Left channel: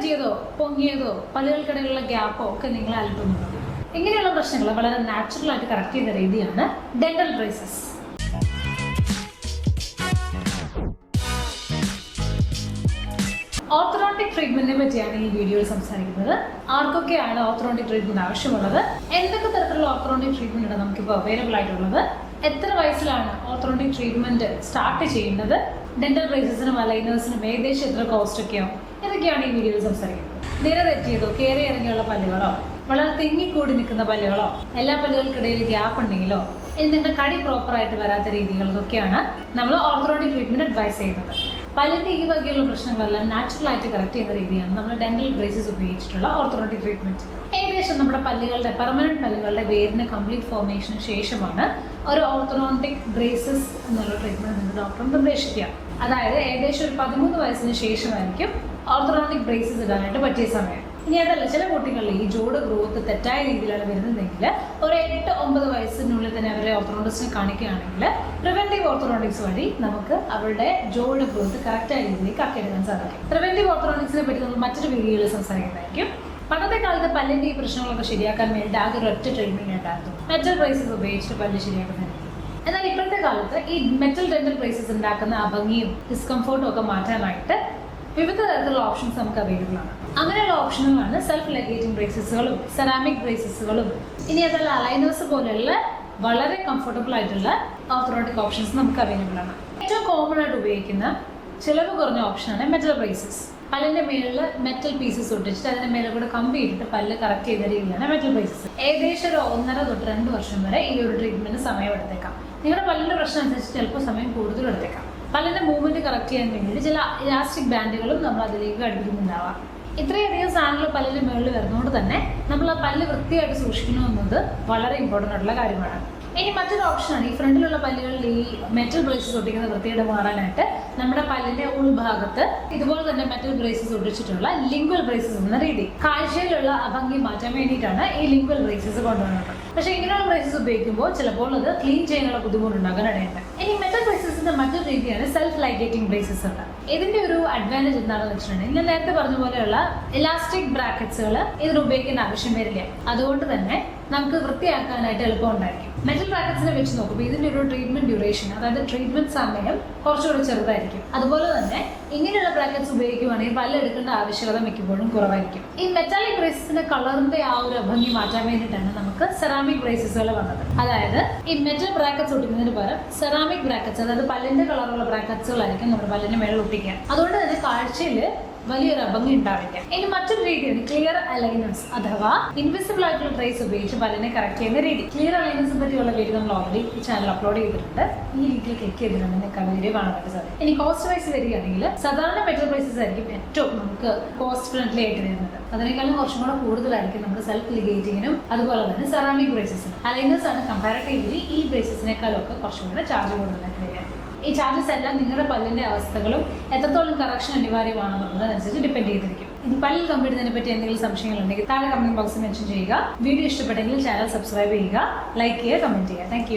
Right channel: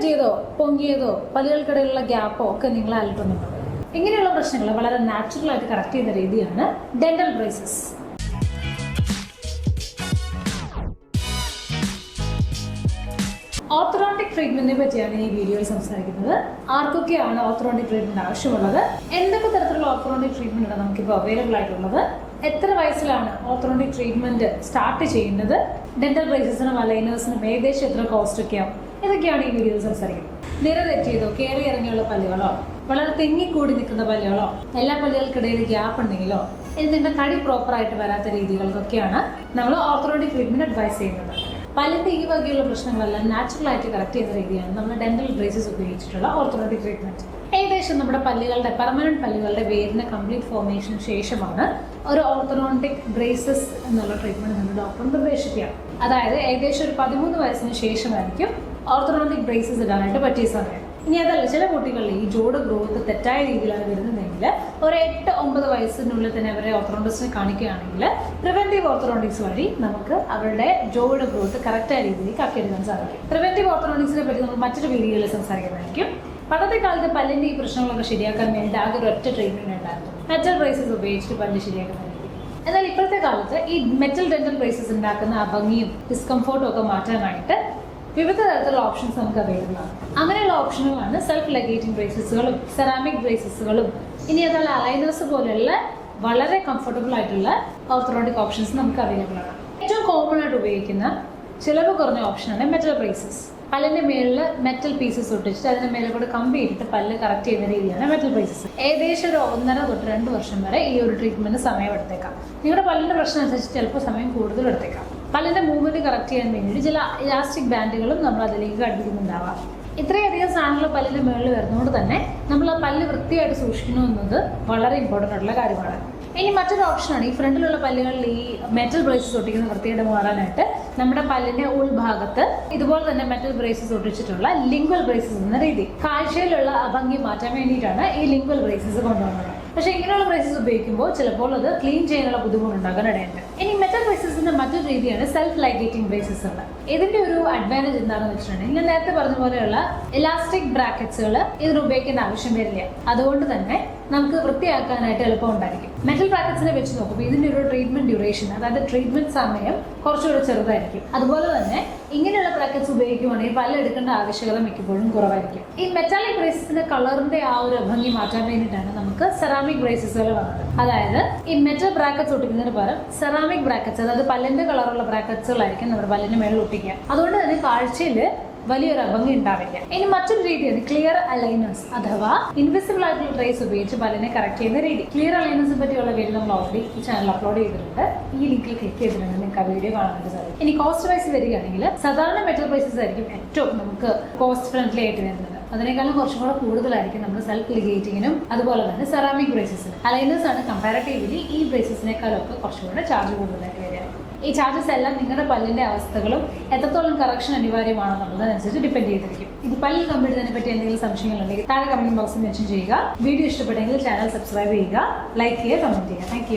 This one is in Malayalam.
തെറ്റിയതോ പൊങ്ങിയതോ പല്ലുകൾക്കിടയിലുള്ള ഗ്യാപ്പോ ഒക്കെ നിങ്ങളെ അലട്ടുന്നുണ്ടോ? ഇങ്ങനെയുള്ള പ്രശ്നങ്ങൾ വളരെ നാച്ചുറൽ ആയിട്ട് കറക്റ്റ് ചെയ്യുന്ന രീതിയാണ് ഡെന്റൽ ബ്രേസസ്. ഓർത്തോഡോണ്ടിക് ട്രീറ്റ്മെന്റിനെ പറ്റിയാണ് ഈ വീഡിയോയിൽ സംസാരിക്കുന്നത്. ആർക്കൊക്കെയാണ് ഓർത്തോഡോണ്ടിക് ട്രീറ്റ്മെന്റ് ആവശ്യമുള്ളത്, എന്തൊക്കെ തരത്തിലുള്ള ഓർത്തോഡോണ്ടിക് ട്രീറ്റ്മെന്റ് ആണ് നമുക്കിപ്പോൾ അവൈലബിൾ ആയിട്ടുള്ളത്, എത്ര വയസ്സിലാണ് ഓർത്തോഡോണ്ടിക് ട്രീറ്റ്മെന്റ് സ്റ്റാർട്ട് ചെയ്യേണ്ടത്, ഡെന്റൽ ബ്രേസസിനും അലൈനേഴ്സിനും ഏകദേശം എത്ര കോസ്റ്റ് ഒക്കെയാവും, ഇതൊക്കെയാണ് ഈ വീഡിയോയിൽ സംസാരിക്കുന്നത്. നിര തെറ്റിയതോ കയറി ഇറങ്ങിയുള്ള പല്ലുകളോ, വളരെ തെങ്ങിക്കൂടി നിൽക്കുന്ന പല്ലുകളോ, എല്ലാ പല്ലുകൾക്കിടയിൽ ഗ്യാപ്പ് ഉണ്ടെങ്കിലോ, ഇനി നിങ്ങളുടെ കടി പ്രോപ്പറായിട്ട് വരാത്ത രീതികൾക്കൊക്കെയാണ് നമ്മൾ ഓർത്തോഡോണ്ടിക് ട്രീറ്റ്മെന്റ് അഡ്വൈസ് ചെയ്യുന്നത്. പല്ലിൻ്റെ ഈ വകയുള്ള പ്രശ്നങ്ങളെല്ലാം നാച്ചുറലായിട്ട് കറക്റ്റ് ചെയ്യുന്ന രീതിയാണ് നമ്മൾ ഡെന്റൽ ബ്രേസസ് ഉപയോഗിച്ചിട്ടുള്ള ഓർത്തോഡോണ്ടിക് ട്രീറ്റ്മെന്റ്. ഏകദേശം നമ്മുടെ പല്ലുകളുടെ പെർമനന്റ് പല്ലുകളുടെ വേരിന് കംപ്ലീറ്റ് ഫോർമേഷന് ശേഷമാണ് ഒരു ഓർത്തോഡോണ്ടിക് ബ്രേസസ് എന്നുള്ള ട്രീറ്റ്മെന്റ് നമ്മൾ ഡോക്ടർ നിർദ്ദേശിക്കുക. അതായത് ഏകദേശം ഒരു 13 വയസ്സിന് ശേഷമായിരിക്കും ഓർത്തോഡോണ്ടിക് ബ്രേസസ് ഇടാനായിട്ട് പറ്റിയ സമയം. ഇനി അതല്ല, ചില കുട്ടികളിൽ ഈ ജോഡ് ഗ്രോത്ത് തെറ്റായ രീതിയിലാണ് വരുന്നതെങ്കിൽ ഒരു 8-9 വയസ്സിനുള്ളിൽ തന്നെ അവരെ ഓർത്തോഡോണ്ടിക്സിനെ കാണിക്കുകയാണെങ്കിൽ പ്രിവെന്റീവ് ഓർത്തോഡോണ്ടിക്സ് വഴി നമുക്ക് അവരുടെ ജോഡ് ഗ്രോത്ത് കറക്റ്റായ രീതിയിലേക്ക് ആക്കിയെടുക്കാൻ സാധിക്കും. പ്രിവെന്റീവ് ഓർത്തോഡോണ്ടിക്സിനെ പറ്റി നമ്മൾ മറ്റൊരു വീഡിയോയിൽ സംസാരിക്കുന്നതായിരിക്കും. പണ്ടത്തെ കാലത്ത് പല്ലിൻ്റെ ഈ പ്രശ്നങ്ങളൊക്കെ ശരിയാക്കാൻ വേണ്ടി ആകെ ഒരൊറ്റ ട്രീറ്റ്മെന്റ് ഉണ്ടായിരുന്നു, മെറ്റൽ ബ്രേസസ് ഉപയോഗിച്ചിട്ട് പല്ല് ശരിയാക്കുന്നതായിരിക്കും. എന്നാൽ ഇപ്പോഴത്തെ കാലത്ത് ഈ മെറ്റൽ ഡെന്റൽ ബ്രേസസ് ഉണ്ടാക്കുന്ന ആ ഭംഗിയും ഡിസ്കംഫോർട്ടും ഒക്കെ മാറ്റാനായിട്ട് വിവിധ തരത്തിലുള്ള ഓപ്ഷൻസ് നമുക്ക് അവൈലബിൾ ആണ്. അങ്ങനെയുള്ള ഓപ്ഷനുകളാണ് സെൽഫ് ലെഗേറ്റിംഗ് ബ്രേസസുകളും സെറാമിക് ബ്രേസസുകളും. ഇനി അതല്ല, അലൈനേഴ്സ് പോലെയുള്ള വളരെ കംഫർട്ടബിൾ ആയിട്ടുള്ള ഓർത്തോഡോണ്ടിക് ഓപ്ഷൻസ് നമുക്ക് അവൈലബിൾ ആണ്. ഏറ്റവും കോമൺ ആയിട്ട് ഉപയോഗിക്കുന്ന ചിലവ് കുറഞ്ഞ ഓപ്ഷനാണ് മെറ്റൽ ബ്രേസസ്. പല്ലിൻ്റെ മേളിൽ മെറ്റൽ പീസസ് ഒട്ടിച്ചിട്ട് അതിൻ്റെ മേലെ കൂടെ കമ്പി ഇട്ടിട്ട് പല്ല് കറക്റ്റ് ചെയ്യുന്ന രീതിയാണ് മെറ്റൽ ബ്രേസസ്. ഏകദേശം ഒരു 1.5 തൊട്ട് 2 വർഷം വരെ ഈ ഒരു ട്രീറ്റ്മെന്റ് സമയം എടുത്തേക്കാം. നിങ്ങളുടെ പല്ലിൻ്റെ പ്രശ്നം അനുസരിച്ച് ചിലപ്പോൾ സമയം കൂടുതൽ എടുത്തേക്കാം. പല്ലിൻ്റെ മൂവ്മെന്റ് കറക്റ്റ് ചെയ്യാൻ വേണ്ടി ചില ഇലാസ്റ്റിക് ബാൻഡുകളും നമ്മൾ അതിലേക്ക് ഘടിപ്പിക്കുന്നുണ്ടാവാം. ഇത്രയധികം സാധനങ്ങൾ പല്ലിൻ്റെ മുകളിൽ വരുന്നതുകൊണ്ട് തന്നെ നമ്മൾ ആ പല്ല് വൃത്തിയായിട്ട് സൂക്ഷിക്കണമെന്നത് വളരെ ഇമ്പോർട്ടൻ്റ് ആയിട്ടുള്ള കാര്യമാണ്. ഇനി മറ്റൊരു ഓപ്ഷനാണ് ഈ ഫ്രണ്ടിലുള്ള പല്ലുകളിൽ ഈ മെറ്റൽ ബ്രേസസ് ഒട്ടിക്കുന്ന വൃത്തിയുടെ മാറാനായിട്ട് നമ്മുടെ പല്ലിൻ്റെ ഉൾഭാഗത്ത് ഇതുപോലെ തന്നെ മെറ്റൽ ബ്രേസസ് ഒട്ടിച്ചിട്ടുള്ള ലിംഗ്വൽ ബ്രേസസ് എന്ന രീതി. കാഴ്ചയിലുള്ള അഭംഗി മാറ്റാൻ വേണ്ടിയിട്ടാണ് ഈ ലിംഗ്വൽ ബ്രേസസ് കൊണ്ടുവന്നത്. പക്ഷേ ഇങ്ങനെയുള്ള ബ്രേസസ് ഉപയോഗിക്കുമ്പോൾ ചിലപ്പോൾ അത് ക്ലീൻ ചെയ്യാനുള്ള ബുദ്ധിമുട്ടുണ്ടാകാൻ ഇടയുണ്ട്. ഇനി മെറ്റൽ ബ്രേസസിന്റെ മറ്റൊരു രീതിയാണ് സെൽഫ് ലൈഗേറ്റിംഗ് ബ്രേസസ് ഉള്ളത്. ഇതിന്റെ ഒരു അഡ്വാൻറ്റേജ് എന്താണെന്ന് വെച്ചിട്ടുണ്ടെങ്കിൽ ഞാൻ നേരത്തെ പറഞ്ഞ പോലെയുള്ള ഇലാസ്റ്റിക് ബ്രാക്കറ്റ്സുകൾ ഇതിന് ഉപയോഗിക്കേണ്ട ആവശ്യം വരില്ല. അതുകൊണ്ട് തന്നെ നമുക്ക് വൃത്തിയാക്കാനായിട്ട് എളുപ്പമുണ്ടായിരിക്കും. മെറ്റൽ ബ്രാക്കറ്റ്സിനെ വെച്ച് നോക്കുമ്പോൾ ഇതിൻ്റെ ഒരു ട്രീറ്റ്മെന്റ് ഡ്യൂറേഷൻ, അതായത് ട്രീറ്റ്മെന്റ് സമയം കുറച്ചുകൂടെ ചെറുതായിരിക്കും. അതുപോലെ തന്നെ ഇങ്ങനെയുള്ള ബ്രാക്കറ്റ്സ് ഉപയോഗിക്കുകയാണെങ്കിൽ പല്ല് എടുക്കേണ്ട ആവശ്യകത മിക്കപ്പോഴും കുറവായിരിക്കും. ഈ മെറ്റാലിക് ബ്രേസസിന്റെ കളറിന്റെ ആ ഒരു ഭംഗി മാറ്റാൻ വേണ്ടിയിട്ടാണ് നമുക്ക് സെറാമിക് ബ്രേസസുകൾ വന്നത്. അതായത് ഈ മെറ്റൽ ബ്രാക്കറ്റ്സ് ഒട്ടിക്കുന്നതിന് പകരം സെറാമിക് ബ്രാക്കറ്റ്സ്, അതായത് പല്ലിന്റെ കളറുള്ള ബ്രാക്കറ്റ്സുകളായിരിക്കും നമ്മുടെ പല്ലിന്റെ മേളിൽ ഒട്ടിക്കുക. അതുകൊണ്ട് തന്നെ കാഴ്ചയിൽ വലിയൊരു അഭംഗി ഉണ്ടാവില്ല. ഇനി മറ്റൊരു രീതിയാണ് ക്ലിയർ അലൈനേഴ്സ്, അഥവാ ഇൻവിസിബിൾ ആയിട്ടുള്ള ട്രേസ് ഉപയോഗിച്ച് പല്ലിനെ കറക്റ്റ് ചെയ്യുന്ന രീതി. ക്ലിയർ അലൈനേഴ്സിനെ പറ്റിയുള്ള വീഡിയോ നമ്മൾ ഓൾറെഡി ഈ ചാനൽ അപ്ലോഡ് ചെയ്തിട്ടുണ്ട്. ഈ ലിങ്കിൽ ക്ലിക്ക് ചെയ്തിട്ടുണ്ട് നിങ്ങൾക്ക് ആ വീഡിയോ കാണാനായിട്ട് സാധിക്കും. ഇനി കോസ്റ്റ് വൈസ് വരികയാണെങ്കിൽ സാധാരണ മെറ്റൽ ബ്രേസസ് ആയിരിക്കും ഏറ്റവും നമുക്ക് കോസ്റ്റ് ഫ്രണ്ട്ലി ആയിട്ട് വരുന്നത്. അതിനേക്കാളും കുറച്ചും കൂടെ കൂടുതലായിരിക്കും നമ്മൾ സെൽഫ് ലിഗേറ്റിങ്ങിനും അതുപോലെ തന്നെ സെറാമിക് ബ്രേസസിനും. അലൈനേഴ്സ് ആണ് കമ്പാരറ്റീവ്ലി ഈ ബ്രേസസിനേക്കാളൊക്കെ കുറച്ചുകൂടെ ചാർജ് കൂടുതലായിട്ട് വരിക. ഈ ചാർജസ് എല്ലാം നിങ്ങളുടെ പല്ലിൻ്റെ അവസ്ഥകളും എത്രത്തോളം കറക്ഷൻ അനിവാര്യമാണെന്നുള്ളതനുസരിച്ച് ഡിപ്പെൻഡ് ചെയ്തിരിക്കും. ഇനി പല്ലിൽ കമ്പിടുന്നതിനെ പറ്റി എന്തെങ്കിലും സംശയങ്ങളുണ്ടെങ്കിൽ താഴെ കമന്റ് ബോക്സിൽ മെൻഷൻ ചെയ്യുക. വീഡിയോ ഇഷ്ടപ്പെട്ടെങ്കിൽ ചാനൽ സബ്സ്ക്രൈബ് ചെയ്യുക, ലൈക്ക് ചെയ്യുക, കമന്റ് ചെയ്യുക. താങ്ക്